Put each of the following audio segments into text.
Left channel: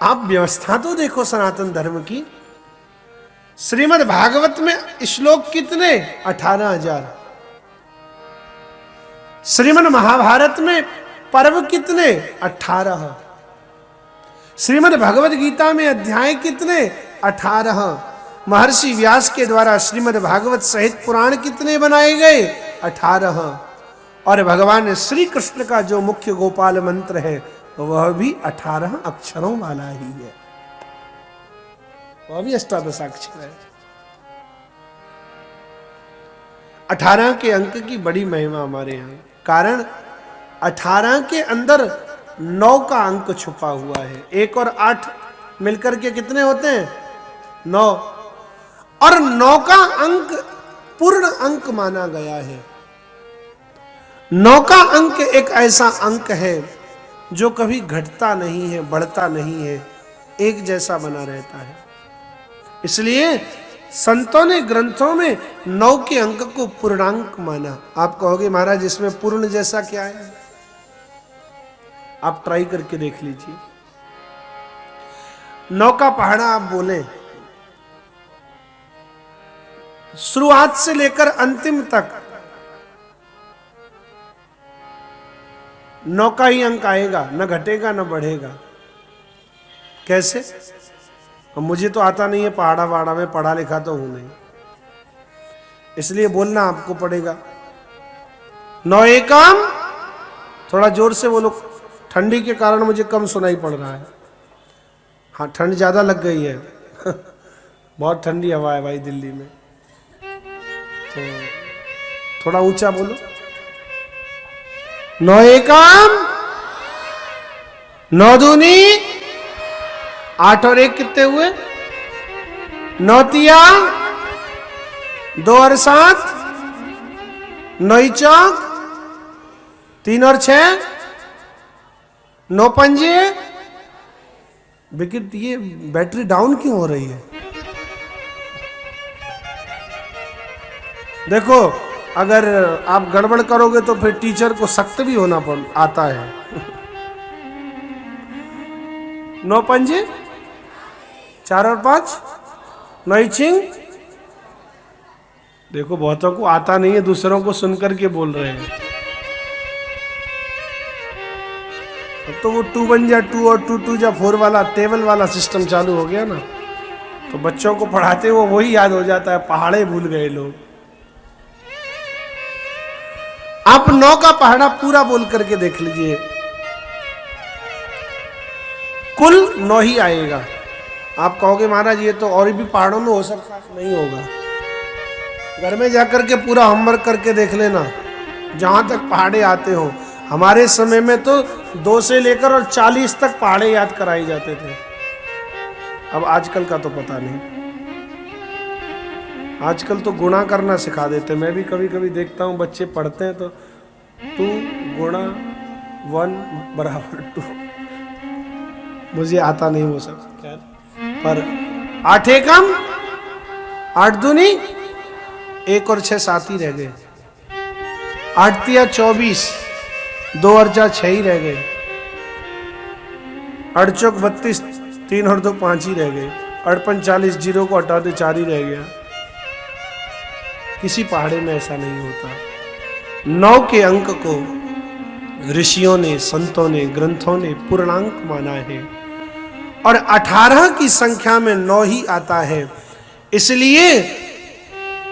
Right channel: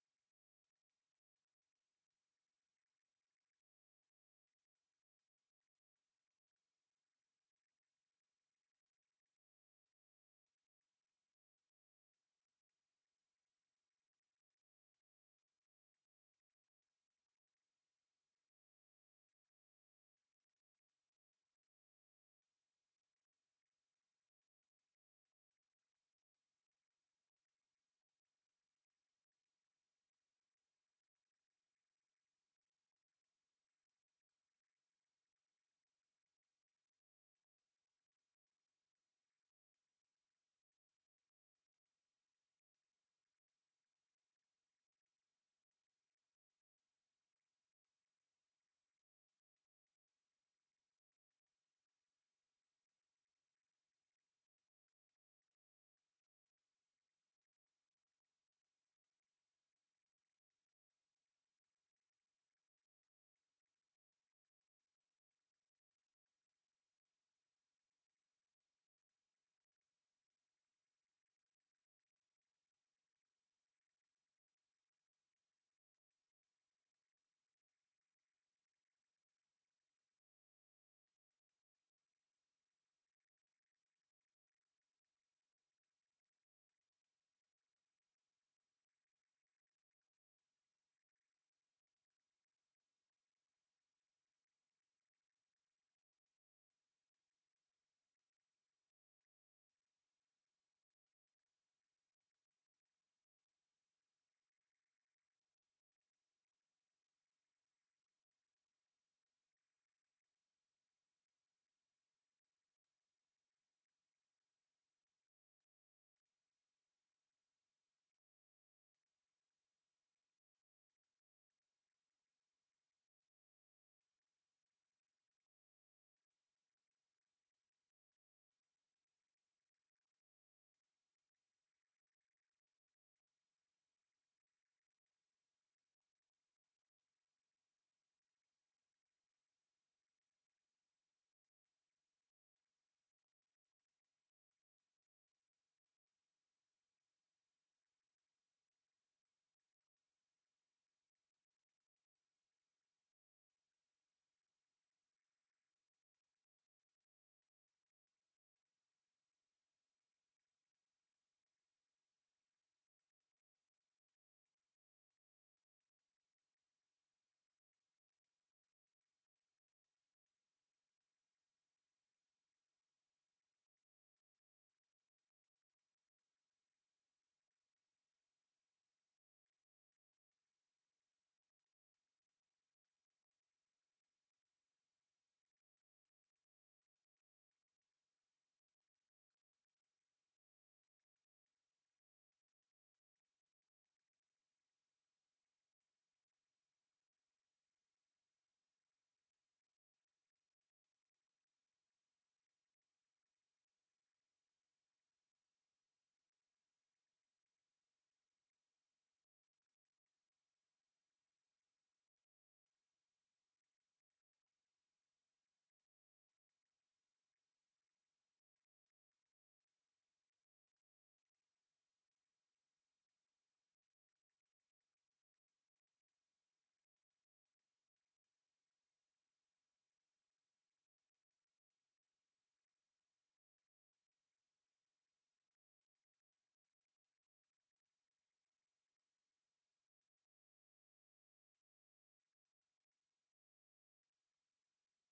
आप व्यवस्था तो देखो सनातन धर्म की। श्रीमद् भागवत में श्लोक कितने? 18,000। श्रीमद् महाभारत में पर्व कितने? 18। श्रीमद् भगवद गीता में अध्याय कितने? 18। महर्षि व्यास के द्वारा श्रीमद् भागवत सहित पुराण कितने बनाए गए? 18। और भगवान श्री कृष्ण का जो मुख्य गोपाल मंत्र है वह भी 18 अक्षरों वाला ही है, वह भी अष्टादशाक्षर है। 18 के अंक की बड़ी महिमा हमारे यहाँ, कारण 18 के अंदर 9 का अंक छुपा हुआ है। 1 और 8 मिलकर के कितने होते हैं? 9। और 9 का अंक पूर्ण अंक माना गया है। 9 का अंक एक ऐसा अंक है जो कभी घटता नहीं है, बढ़ता नहीं है, एक जैसा बना रहता है। इसलिए संतों ने ग्रंथों में 9 के अंक को पूर्णांक माना। आप कहोगे महाराज इसमें पूर्ण जैसा क्या है? आप ट्राई करके देख लीजिए। 9 का पहाड़ा आप बोले, शुरुआत से लेकर अंतिम तक 9 का ही अंक आएगा, न घटेगा न बढ़ेगा। कैसे? अब मुझे तो आता नहीं है पहाड़ा वहाड़ा में, पढ़ा लिखा तो हूं नहीं, इसलिए बोलना आपको पड़ेगा। 9 एकम, थोड़ा जोर से बोलो, ठंडी के कारण मुझे कम सुनाई पड़ रहा है। हाँ, ठंड ज्यादा लग गई है बहुत ठंडी हवा है भाई दिल्ली में, तो थोड़ा ऊंचा बोलो। 9 एकम, 9 दूनी 8 और 1 कितने हुए? 9 तिया 2 और 7, 9 चौक 3 और 6, 9 पंजे। विकेट, ये बैटरी डाउन क्यों हो रही है? देखो, अगर आप गड़बड़ करोगे तो फिर टीचर को सख्त भी होना आता है 9 पंजे 4 और 5, 9 छिंग। देखो बहुतों को आता नहीं है, दूसरों को सुनकर के बोल रहे हैं। अब तो वो 2 बन जा 2 और 2 2 जा 4 वाला टेबल वाला सिस्टम चालू हो गया ना, तो बच्चों को पढ़ाते हुए वही याद हो जाता है, पहाड़े भूल गए लोग। आप 9 का पहाड़ा पूरा बोल करके देख लीजिए, कुल 9 ही आएगा। आप कहोगे महाराज ये तो और भी पहाड़ों में हो सकता है, नहीं होगा। घर में जाकर के पूरा होमवर्क करके देख लेना, जहां तक पहाड़े आते हो। हमारे समय में तो 2 से लेकर और 40 तक पहाड़े याद कराए जाते थे। अब आजकल का तो पता नहीं, आजकल तो गुणा करना सिखा देते। मैं भी कभी कभी देखता हूँ बच्चे पढ़ते हैं तो 2 गुणा 1 बराबर 2, मुझे आता नहीं वो सब, पर 8 एकम 8 दूनी 1 और 6 7 ही रह गए, 8 तिया 24, 2 और 4 6 ही रह गए, 8 चौक 32, 3 और 2 5 ही रह गए, 8 45, 0 को हटा दे 4 ही रह गया। किसी पहाड़े में ऐसा नहीं होता। 9 के अंक को ऋषियों ने, संतों ने, ग्रंथों ने पूर्णांक माना है, और 18 की संख्या में 9 ही आता है। इसलिए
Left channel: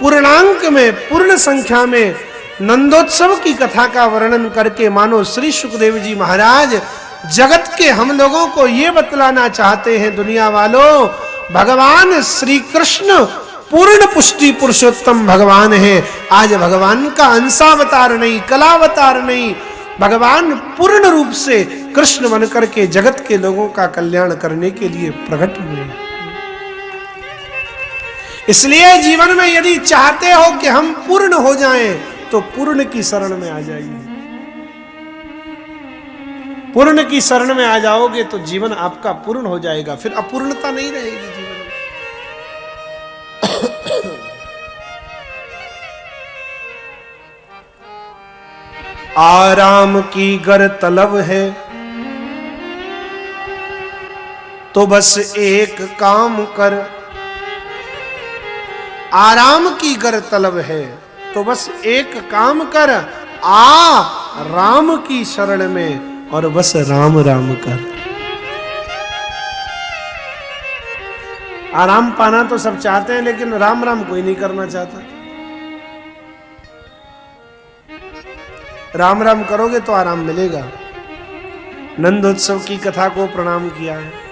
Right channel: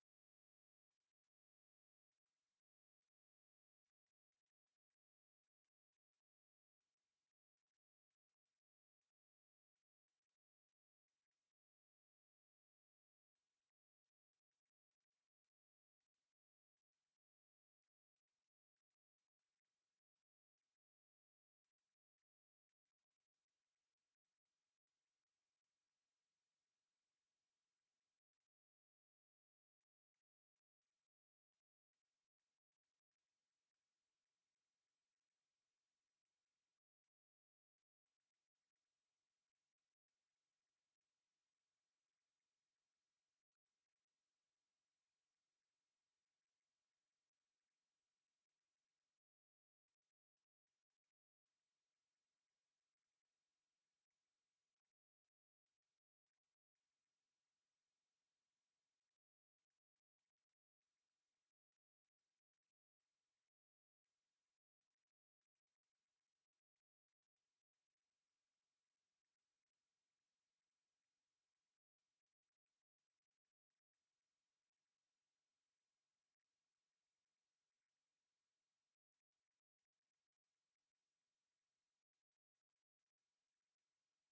पूर्णांक में, पूर्ण संख्या में नंदोत्सव की कथा का वर्णन करके मानो श्री सुखदेव जी महाराज जगत के हम लोगों को ये बतलाना चाहते हैं, दुनिया वालों, भगवान श्री कृष्ण पूर्ण पुष्टि पुरुषोत्तम भगवान है। आज भगवान का अंशावतार नहीं, कलावतार नहीं, भगवान पूर्ण रूप से कृष्ण बनकर के जगत के लोगों का कल्याण करने के लिए प्रकट हुए। इसलिए जीवन में यदि चाहते हो कि हम पूर्ण हो जाएं, तो पूर्ण की शरण में आ जाइए। पूर्ण की शरण में आ जाओगे तो जीवन आपका पूर्ण हो जाएगा, फिर अपूर्णता नहीं रहेगी जीवन में। आराम की गर तलब है, तो बस एक काम कर, आराम की गर तलब है तो बस एक काम कर, आ राम की शरण में और बस राम राम कर। आराम पाना तो सब चाहते हैं, लेकिन राम राम कोई नहीं करना चाहता। राम राम करोगे तो आराम मिलेगा। नंदोत्सव की कथा को प्रणाम किया है।